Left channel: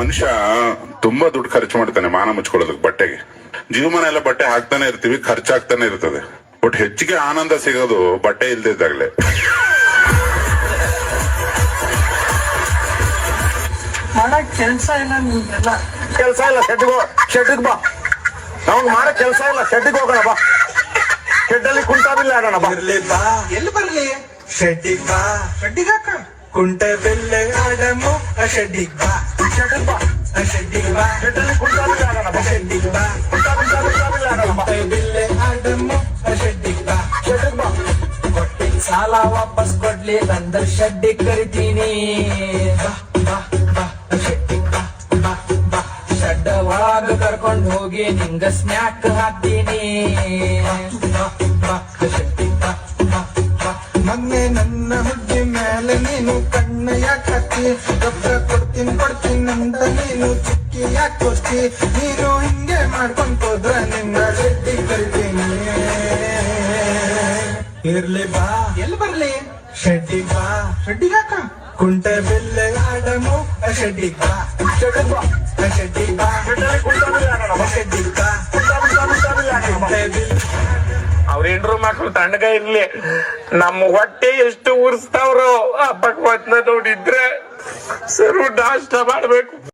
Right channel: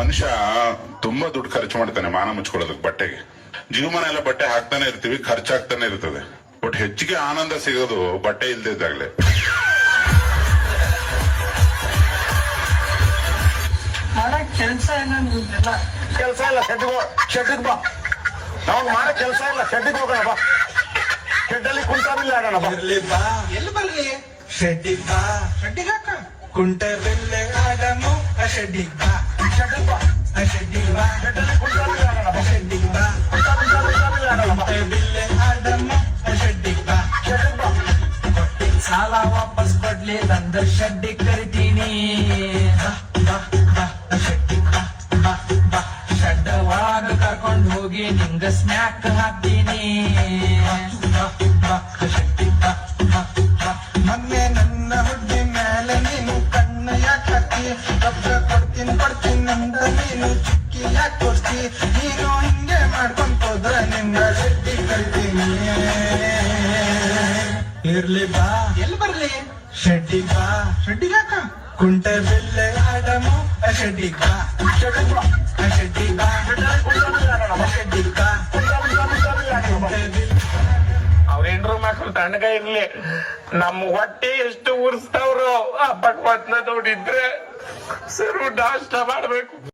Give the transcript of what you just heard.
ಮನುಷ್ಯ ತುಂಬಾ ದುಡ್ಡು ಖರ್ಚು ಮಾಡ್ತಾನೆ ಮಾನ ಮುಚ್ಕೊಳ್ಳೋದಕ್ಕೆ ಬಟ್ಟೆಗೆ. ಜೀವಮಾನ ಎಲ್ಲ ಬಟ್ಟೆ ಹಾಕ್ತಾನೆ ಇರ್ತೀವಿ, ಖರ್ಚಾಗ್ತಾನೆ ಇರ್ತದೆ. ಬಟ್ ಹೆಚ್ಚಿಗೆ ಆನಂದ ಸಿಗೋದು ಬಟ್ಟೆ ಇಲ್ದಿದ್ದಾಗ್ಲೆ. ಕೆಲಸ ಕೆಲಸ ಇಲ್ಲ, ಶೆಡ್ಡಿಗೆ ಬಾ. ನಾವು ಮಾಡೋ ಕೆಲಸ ಇಲ್ಲ, ಶೆಡ್ಡಿಗೆ ಹೋಗೋಣ ಬಾ. ಶೆಡ್ಡಲ್ಲಿ ಕುಂಟಾಬಿಲ್ಲ ಆಗೋಣ ಬಾ. ಎಲ್ಲಿ ಬರ್ಲಿ? ಶೆಡ್ಡಿಗ್ ಬಾ. ಶೆಡ್ಡಿಗ್ ಹಾಕ ಕುಂಟ ಬೆಲ್ಲೆ ಆಡಮು ಶೆಡ್ಡಿಗ್ ಬಾ. ಶೆಡ್ಡಿಗ್ ಬಾ. ಶೆಡ್ಡಿಗ್ ಬಾ. ಶೆಡ್ಡಲ್ಲಿ ಕುಂಟಾಬಿಲ್ಲ ಆಗೋಣ ಬಾ. ಶೆಡ್ಡಿಗ್ ಬಾ. ಕುಂಟ ಬೆಲ್ಲೆ ಆಡಮು ಶೆಡ್ಡಿಗ್ ಬಾ. ಶೆಡ್ಡಿಗ್ ಬಾ. ಕೊಟ್ಟಿದ್ದ ಸಾಲ ವಾಪಸ್ ಕೊಡ್ಲಿ ಬಂದ ಶೆಡ್ಡಿಗ್ ಕರಿತೀನಿ. ಶೆಡ್ಡವಾಗ ಕರ್ಕೊಂಡು ಹೋಗಿ ನಿಂಗ ಸ್ನ್ಯಾಕ್ ಹಾಕ್ತೀನಿ. ಮೊನ್ನೆ ನನ್ನ ಹುಡ್ಗಿ ಮೇಲೆ ನೀನು ಕಣ್ಣು ಯಾಕೆ ಹಾಕಿ ಕೊಡ್ತೀನಿ ಅಂತ ನೀನು ಚಿಕ್ಕಿ ಯಾಕೆ ತೋರಿಸ್ತಿ. ನೀನು ಹಿಂಗೆ ಮಾಡ್ಕೊಂಡ್ ಹೋದ್ರೆ ನಿಂಗ ಶೆಡ್ಡಿ ಕರಿತೀನಿ. ಇರ್ಲಿ ಬಾ. ಎಲ್ಲಿ ಬರ್ಲಿ? ಶೆಡ್ಡಿಗ್ ಬಾ. ಶೆಡ್ಡಿಗ್ ಹಾಕ ಕುಂಟ ಬೆಲ್ಲೆ ಆಡಮು ಶೆಡ್ಡಿಗ್ ಬಾ. ಶೆಡ್ಡಿಗ್ ಬಾ. ಶೆಡ್ಡಿಗ್ ಬಾ. ಶೆಡ್ಡಿಗ್ ಬಾ. ಅವ್ರ ಹೆಂಡ್ರು ಮಕ್ಳು ತಣ್ಣಗ ಇರ್ಲಿ, ನಮ್ಮ ಹೊಟ್ಟೆ ಎಷ್ಟು ಉರ್ಸ್ತಾವ್ರು. ಹಬ್ಬಕ್ ಹೊತ್ನ ನೋಡಿದ್ರೆ ಸರು ನಾಷ್ಟ ಮಾಡ್ಬೇಕು.